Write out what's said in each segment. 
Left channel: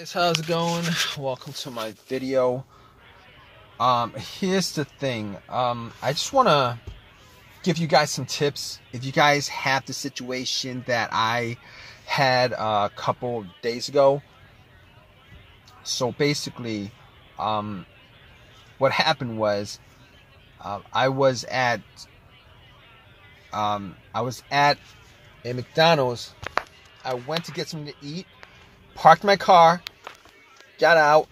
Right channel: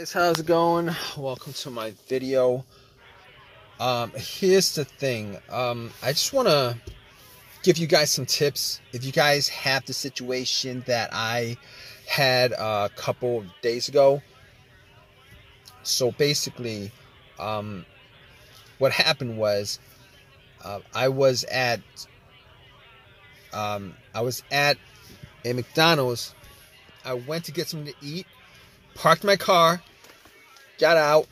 Guys, how's it going? Welcome to my video. Here's the thing. I just want to give you guys some tips. If you guys have the situation that I had a couple days ago. So basically, what happened was I was at a McDonald's. I went to get something to eat, parked my car, got out,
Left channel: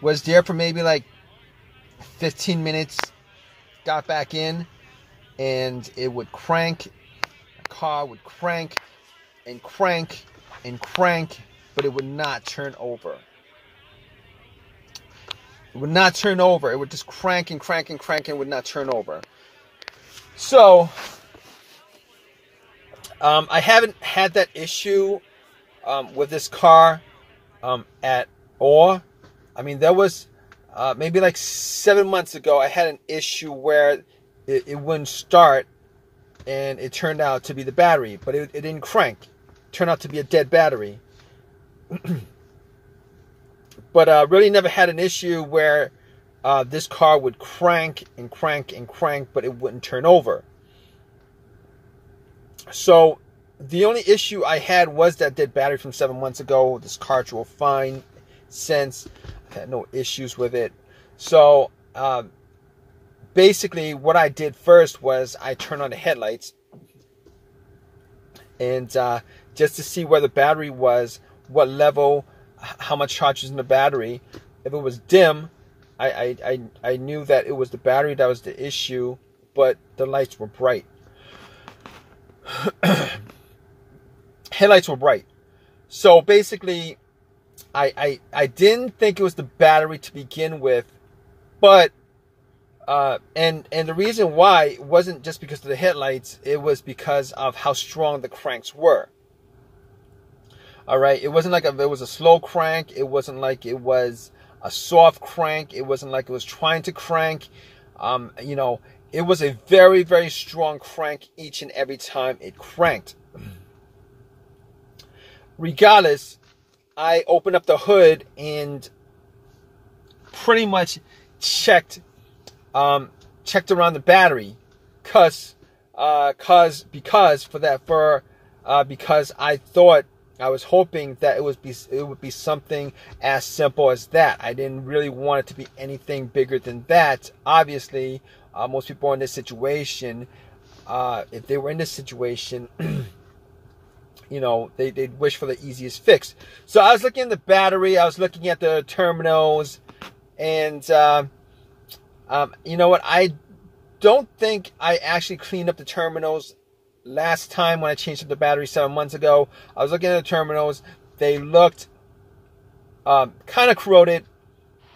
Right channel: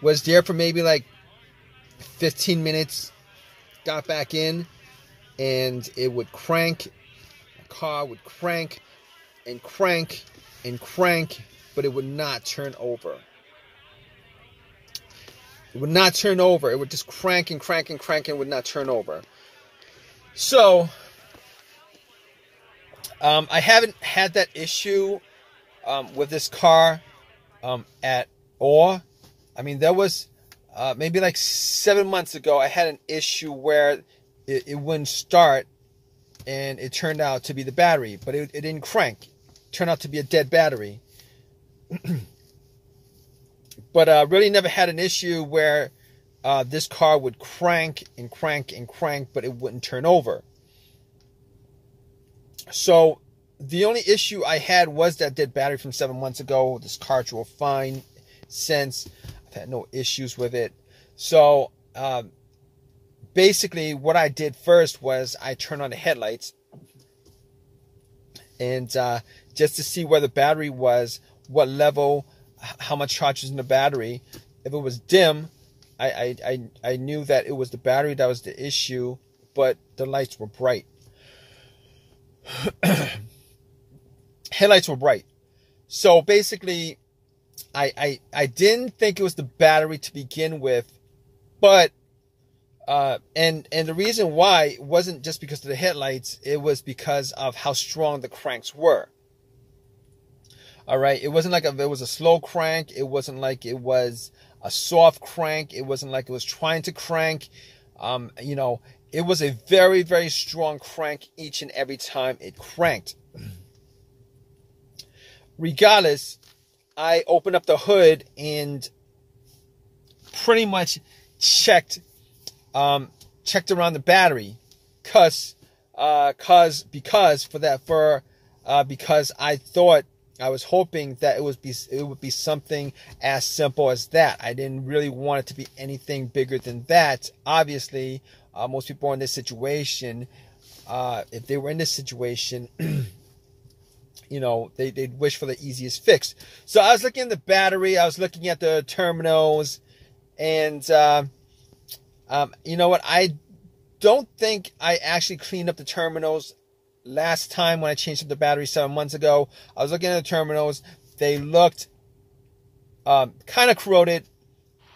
was there for maybe like 15 minutes, got back in, and it would crank. The car would crank and crank and crank, but it would not turn over. It would not turn over. It would just crank and crank and crank and would not turn over. So, I haven't had that issue with this car at all. I mean, there was maybe like 7 months ago, I had an issue where it wouldn't start, and it turned out to be the battery, but it didn't crank. It turned out to be a dead battery. But really never had an issue where this car would crank and crank and crank, but it wouldn't turn over. So the only issue I had was that dead battery from 7 months ago. This car drove fine since. I've had no issues with it. So basically what I did first was I turned on the headlights, and just to see where the battery was, what level, how much charge is in the battery. If it was dim, I knew that it was the battery that was the issue, but the lights were bright. Headlights were bright. So basically, I didn't think it was the battery to begin with, but and the reason why it wasn't just because of the headlights, it was because of how strong the cranks were. All right, it wasn't like it was a slow crank. It wasn't like it was a soft crank. It wasn't like it was trying to crank. It was a very, very strong crank each and every time it cranked. Regardless, I opened up the hood and pretty much checked around the battery, because I thought, I was hoping that it would be something as simple as that. I didn't really want it to be anything bigger than that. Obviously, most people in this situation, if they were in this situation, they'd wish for the easiest fix. So I was looking at the battery, I was looking at the terminals, and you know what? I don't think I actually cleaned up the terminals last time when I changed up the battery 7 months ago. I was looking at the terminals. They looked kind of corroded.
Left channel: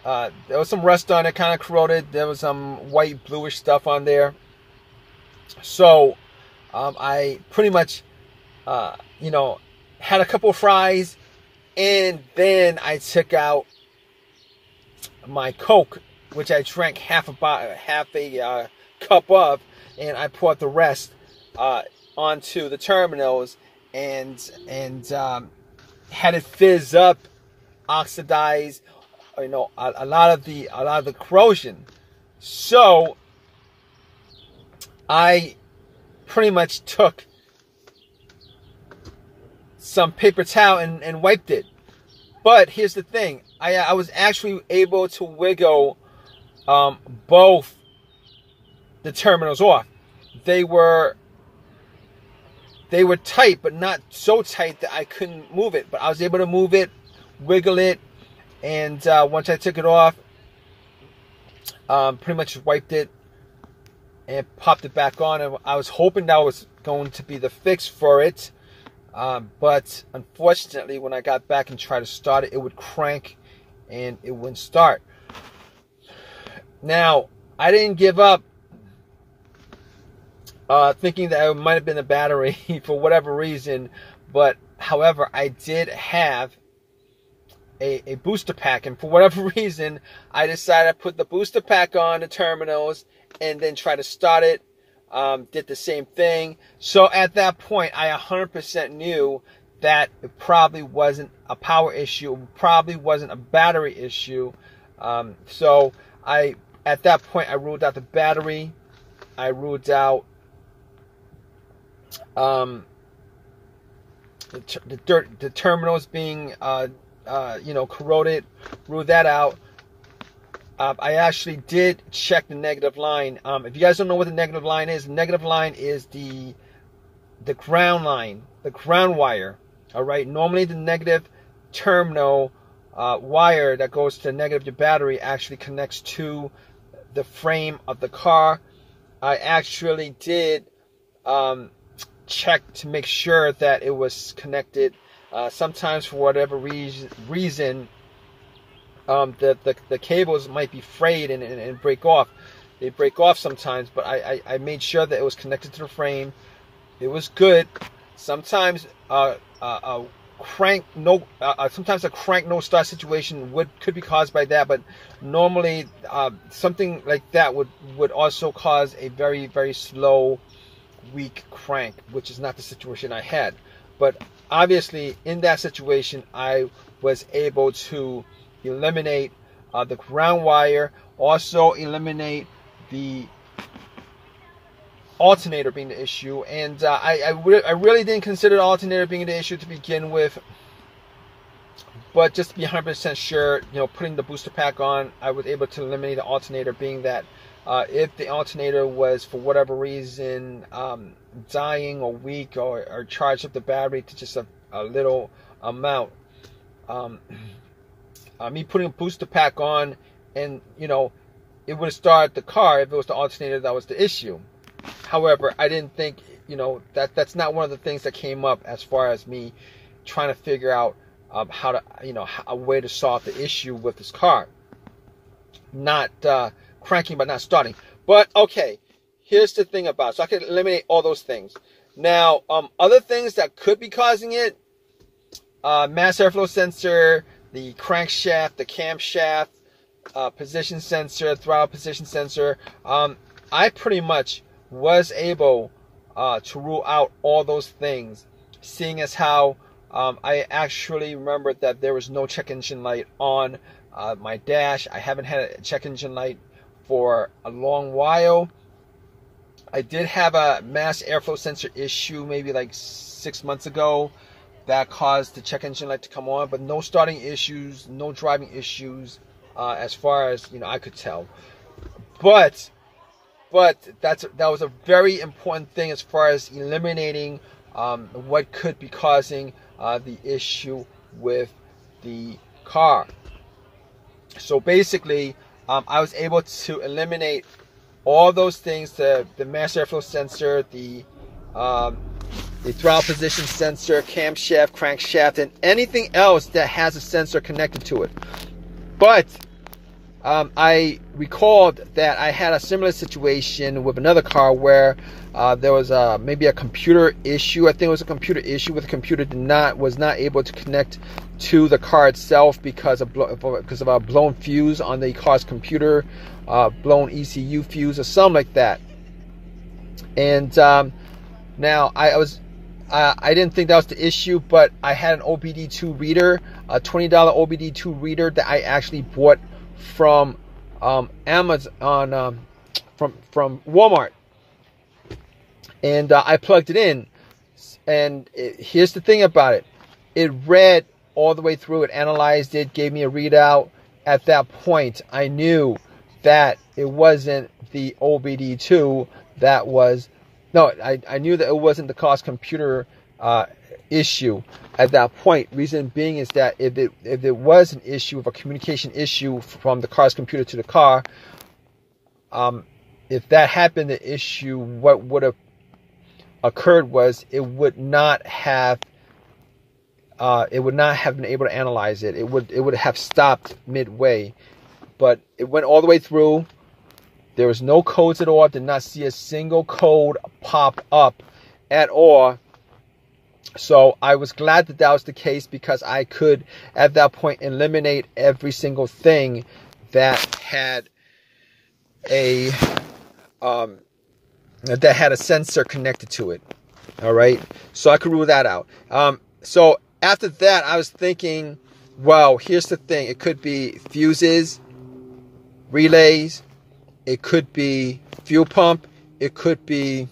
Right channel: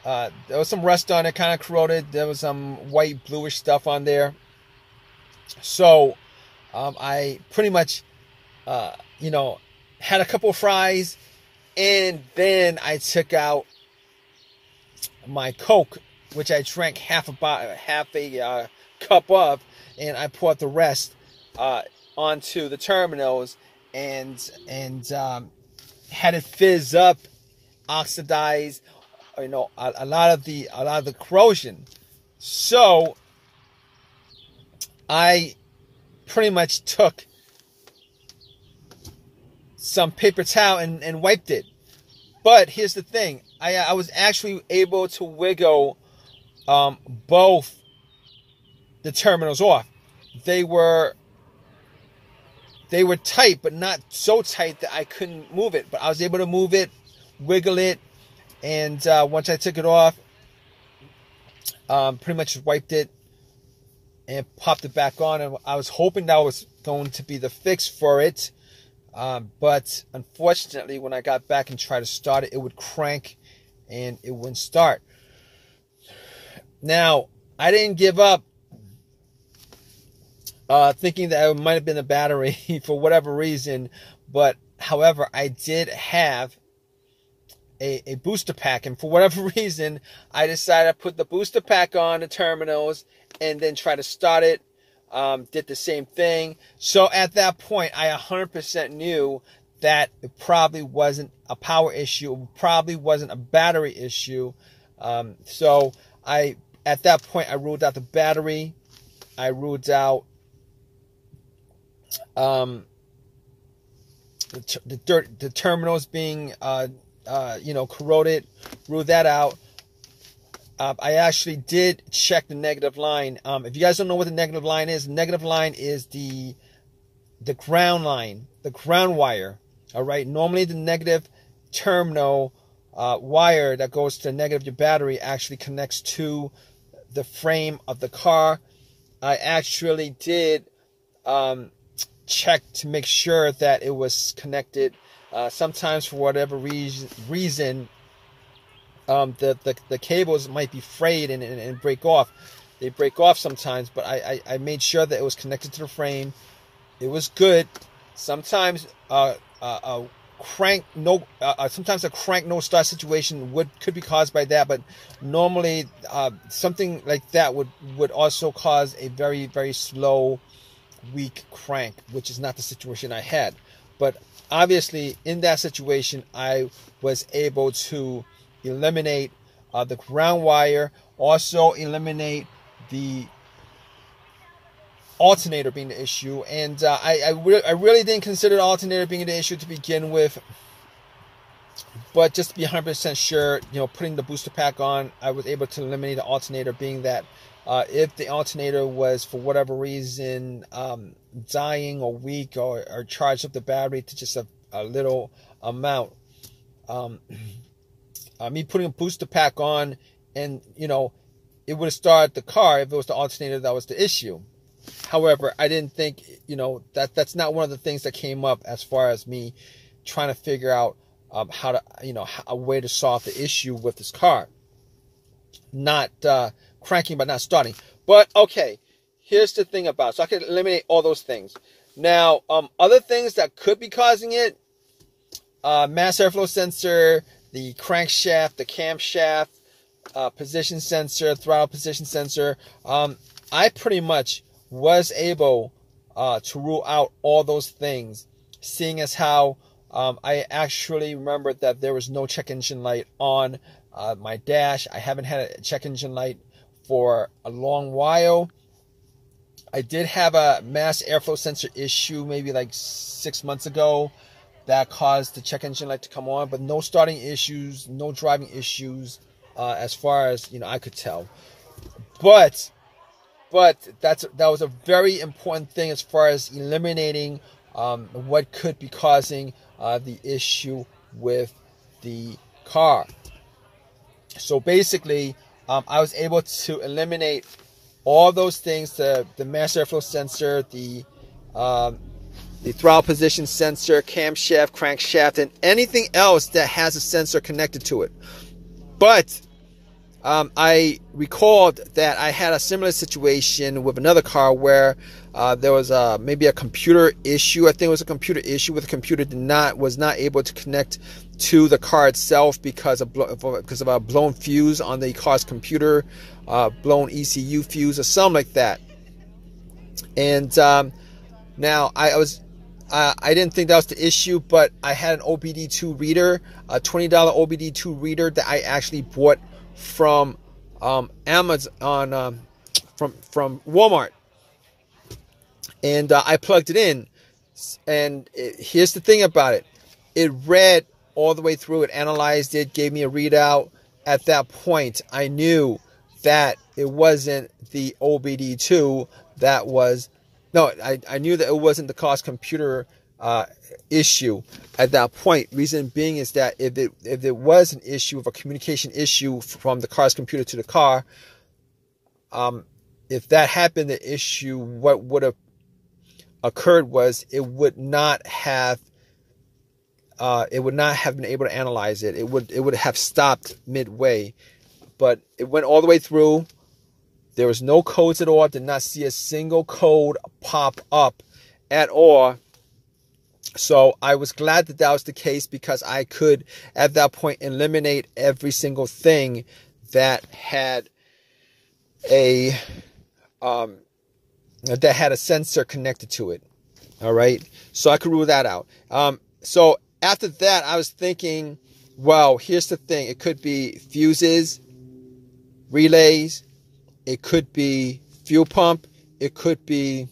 There was some rust on it, kind of corroded. There was some white bluish stuff on there. So I pretty much had a couple of fries, and then I took out my Coke, which I drank half a cup of, and I poured the rest onto the terminals, and had it fizz up, oxidize, a lot of the corrosion. So I pretty much took some paper towel and wiped it. But here's the thing, I was actually able to wiggle both the terminals off. They were tight, but not so tight that I couldn't move it. But I was able to move it, wiggle it, and once I took it off, pretty much wiped it and popped it back on. And I was hoping that was going to be the fix for it. But unfortunately, when I got back and tried to start it, it would crank and it wouldn't start. Now, I didn't give up, thinking that it might have been a battery for whatever reason. But however, I did have a booster pack, and for whatever reason, I decided to put the booster pack on the terminals and then try to start it. Did the same thing. So at that point, I 100% knew that it probably wasn't a power issue, it probably wasn't a battery issue. So at that point, I ruled out the battery. I ruled out the terminals being corroded. Ruled that out. I actually did check the negative line. If you guys don't know what the negative line is, the negative line is the ground line, the ground wire. All right. Normally, the negative terminal wire that goes to negative your battery actually connects to the frame of the car. I actually did check to make sure that it was connected. Sometimes, for whatever reason, the cables might be frayed and break off. They break off sometimes, but I made sure that it was connected to the frame. It was good. Sometimes sometimes a crank no start situation could be caused by that, but normally something like that would also cause a very, very slow, weak crank, which is not the situation I had. But obviously in that situation, I was able to eliminate the ground wire, also eliminate the alternator being the issue. And I really didn't consider the alternator being the issue to begin with, but just to be 100% sure, putting the booster pack on, I was able to eliminate the alternator, being that if the alternator was for whatever reason dying or weak or charged up the battery to just a little amount, me putting a booster pack on, and it would have started the car if it was the alternator that was the issue. However, I didn't think that's not one of the things that came up as far as me trying to figure out how to a way to solve the issue with this car. Not cranking but not starting. But okay, here's the thing about it. So I can eliminate all those things. Now, other things that could be causing it: mass airflow sensor, the crankshaft, the camshaft, position sensor, throttle position sensor. I pretty much was able to rule out all those things, seeing as how I actually remembered that there was no check engine light on my dash. I haven't had a check engine light for a long while. I did have a mass airflow sensor issue maybe like 6 months ago that caused the check engine light to come on, but no starting issues, no driving issues as far as I could tell. But that was a very important thing as far as eliminating what could be causing the issue with the car. So basically, I was able to eliminate all those things: the mass airflow sensor, the throttle position sensor, camshaft, crankshaft, and anything else that has a sensor connected to it. But I recalled that I had a similar situation with another car where there was maybe a computer issue. I think it was a computer issue where the computer was not able to connect to the car itself because of a blown fuse on the car's computer, blown ECU fuse or something like that. And now I didn't think that was the issue, but I had an OBD2 reader, a $20 OBD2 reader that I actually bought from Amazon, from Walmart, and I plugged it in. And here's the thing about it: it read all the way through. It analyzed it, gave me a readout. At that point, I knew that it wasn't the OBD2 that was. No, I knew that it wasn't the car's computer issue at that point. Reason being is that if it was an issue of a communication issue from the car's computer to the car, if that happened, the issue, what would have occurred was it would not have been able to analyze it. It would have stopped midway, but it went all the way through. There was no codes at all. I did not see a single code pop up at all. So I was glad that that was the case, because I could, at that point, eliminate every single thing that had a sensor connected to it. All right, so I could rule that out. So after that, I was thinking, well, here's the thing. It could be fuses, relays. It could be fuel pump. It could be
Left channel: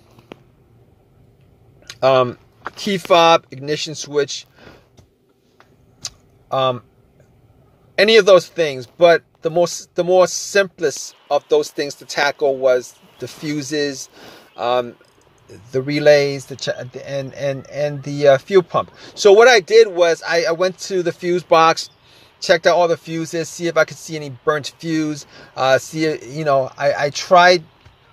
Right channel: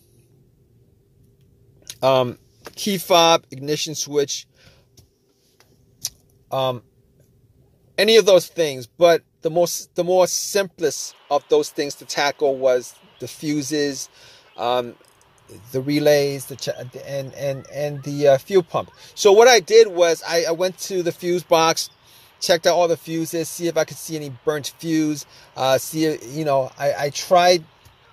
key fob, ignition switch, any of those things. But the more simplest of those things to tackle was the fuses, the relays, and the fuel pump. So what I did was I went to the fuse box, checked out all the fuses, see if I could see any burnt fuse. I tried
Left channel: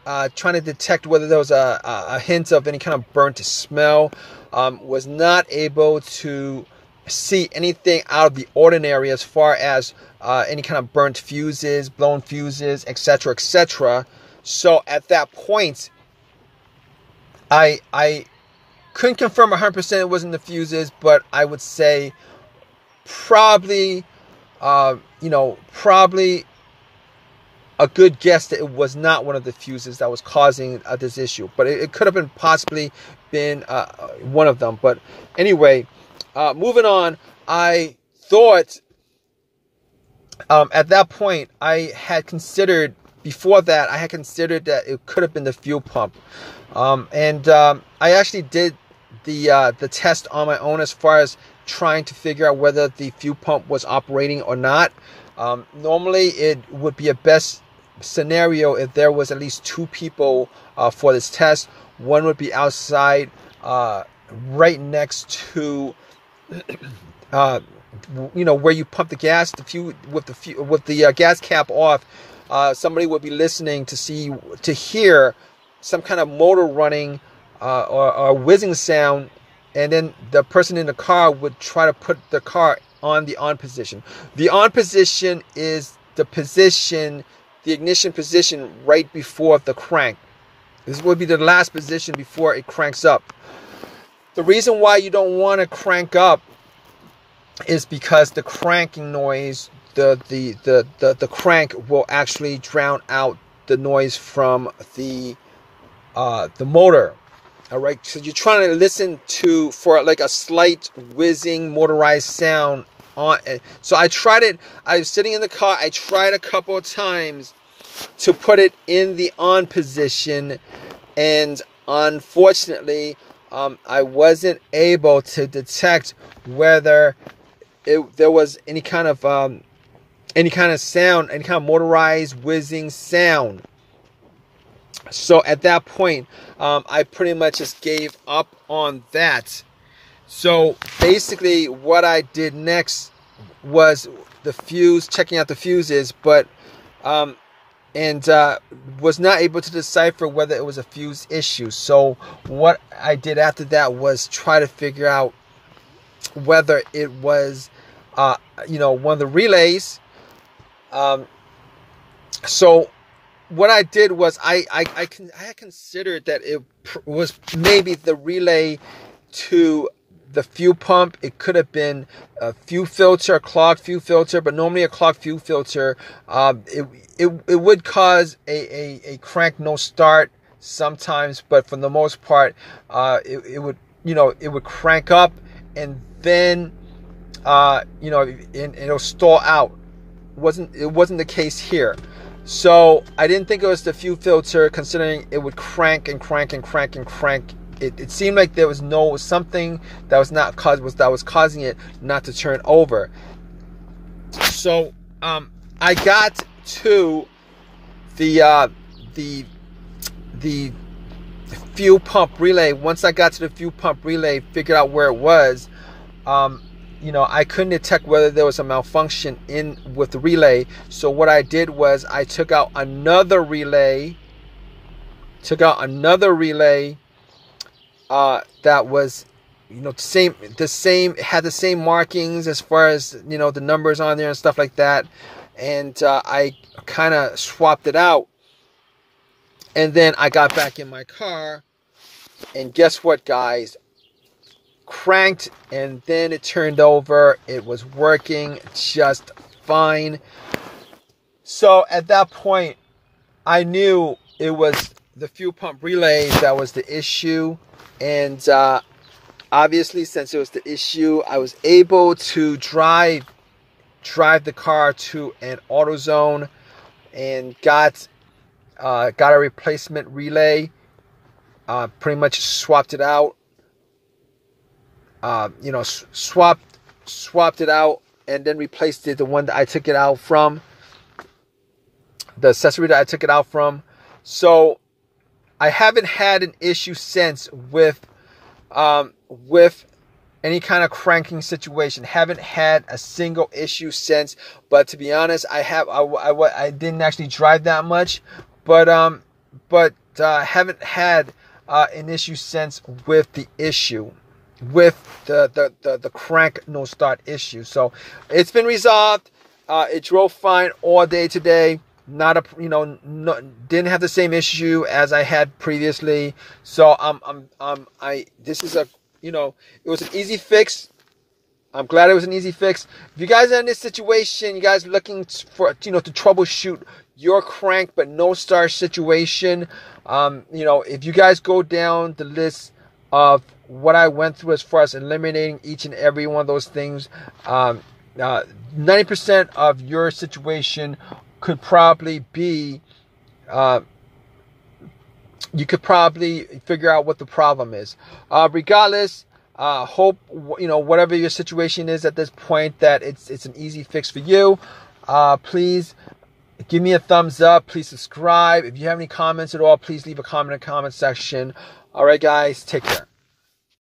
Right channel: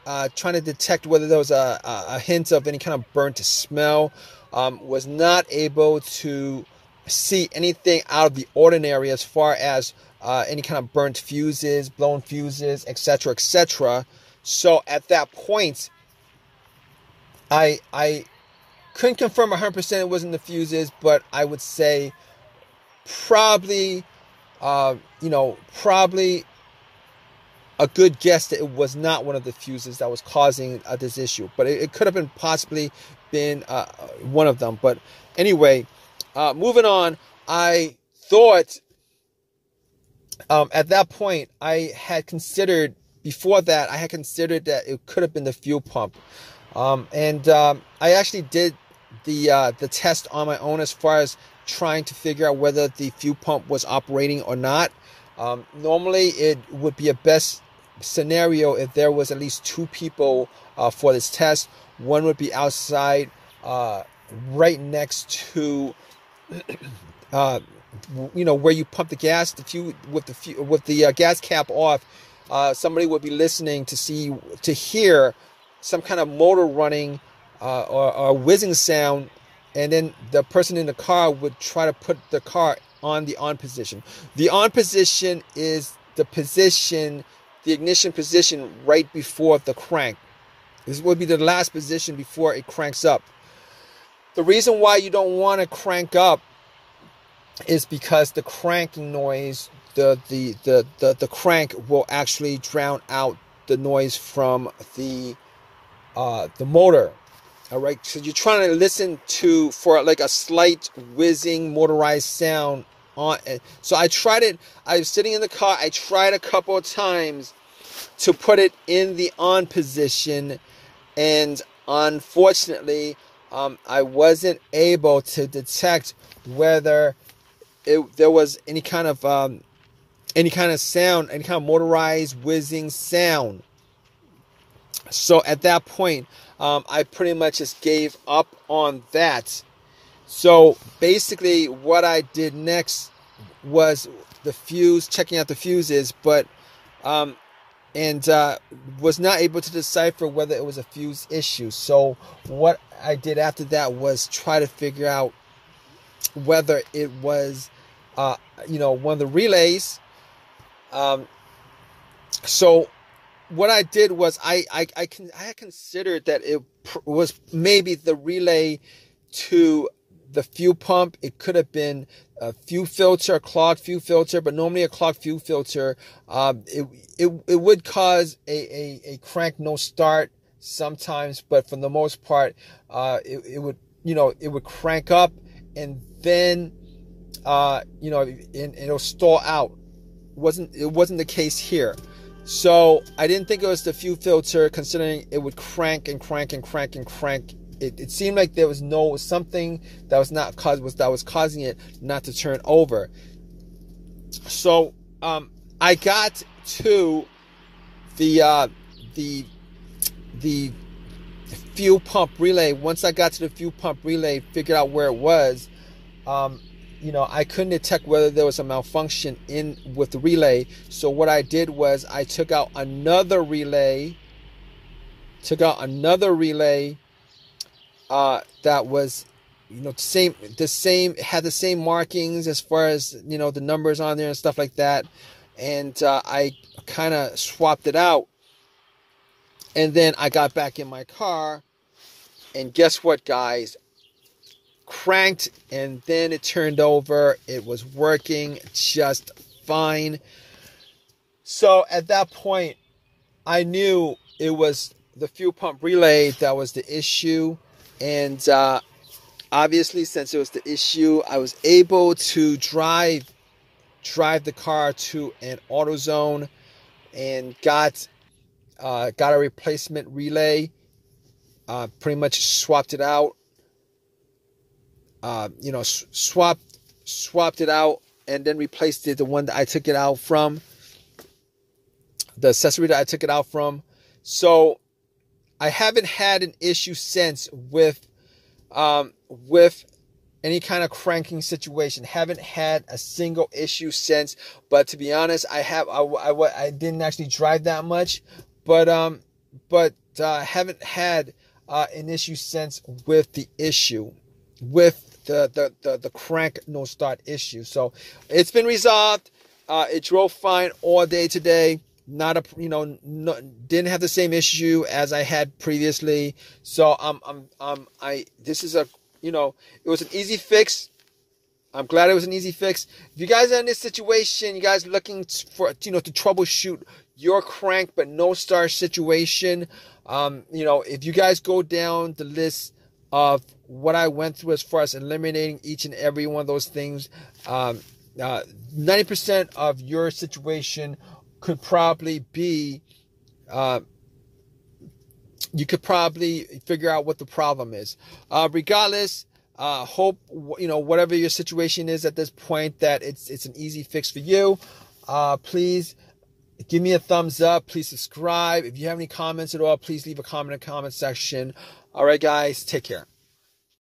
trying to detect whether there was a hint of any kind of burnt smell. Was not able to see anything out of the ordinary as far as any kind of burnt fuses, blown fuses, etc., etc. So at that point, I couldn't confirm 100% it wasn't the fuses, but I would say probably, probably a good guess that it was not one of the fuses that was causing this issue. But it could have been possibly been one of them. But anyway, moving on, I thought at that point before that I had considered that it could have been the fuel pump. I actually did the test on my own as far as trying to figure out whether the fuel pump was operating or not. Normally, it would be a best scenario if there was at least 2 people for this test. One would be outside, right next to, where you pump the gas. With the gas cap off, somebody would be listening to hear some kind of motor running or whizzing sound, and then the person in the car would try to put the car on the on position. The on position is the ignition position right before the crank. This would be the last position before it cranks up. The reason why you don't want to crank up is because the cranking noise, the crank will actually drown out the noise from the motor. All right, so you're trying to listen for like a slight whizzing motorized sound on. So I tried it. I was sitting in the car. I tried a couple of times to put it in the on position, and unfortunately, I wasn't able to detect whether there was any kind of sound, any kind of motorized whizzing sound. So at that point, I pretty much just gave up on that. So basically what I did next was checking out the fuses, but was not able to decipher whether it was a fuse issue. So what I did after that was try to figure out whether it was one of the relays. So what I did was I considered that it was maybe the relay to the fuel pump. It could have been a fuel filter, a clogged fuel filter, but normally a clogged fuel filter, it would cause a crank no start sometimes, but for the most part, it would crank up and then it'll stall out. It wasn't the case here. So I didn't think it was the fuel filter, considering it would crank and crank and crank and crank. It seemed like there was something that was causing it not to turn over. So I got to the fuel pump relay. Once I got to the fuel pump relay, figured out where it was. I couldn't detect whether there was a malfunction with the relay. So what I did was I took out another relay. That was, the same, had the same markings as far as, the numbers on there and stuff like that. And I kind of swapped it out. And then I got back in my car. And guess what, guys? Cranked, and then it turned over. It was working just fine. So at that point, I knew it was the fuel pump relay that was the issue. And obviously, since it was the issue, I was able to drive the car to an AutoZone and got a replacement relay. Pretty much swapped it out. Swapped it out and then replaced it, the one that I took it out from, the accessory that I took it out from. So I haven't had an issue since with any kind of cranking situation. Haven't had a single issue since. But to be honest, I didn't actually drive that much, but haven't had an issue since with the issue, with the crank no start issue. So it's been resolved. It drove fine all day today. Didn't have the same issue as I had previously. So this is it was an easy fix. I'm glad it was an easy fix. If you guys are in this situation, you guys looking for to troubleshoot your crank but no start situation, if you guys go down the list of what I went through as far as eliminating each and every one of those things, 90% of your situation could probably be, you could probably figure out what the problem is. Regardless, hope whatever your situation is at this point, that it's an easy fix for you. Please give me a thumbs up. Please subscribe. If you have any comments at all, please leave a comment in the comment section. All right, guys, take care.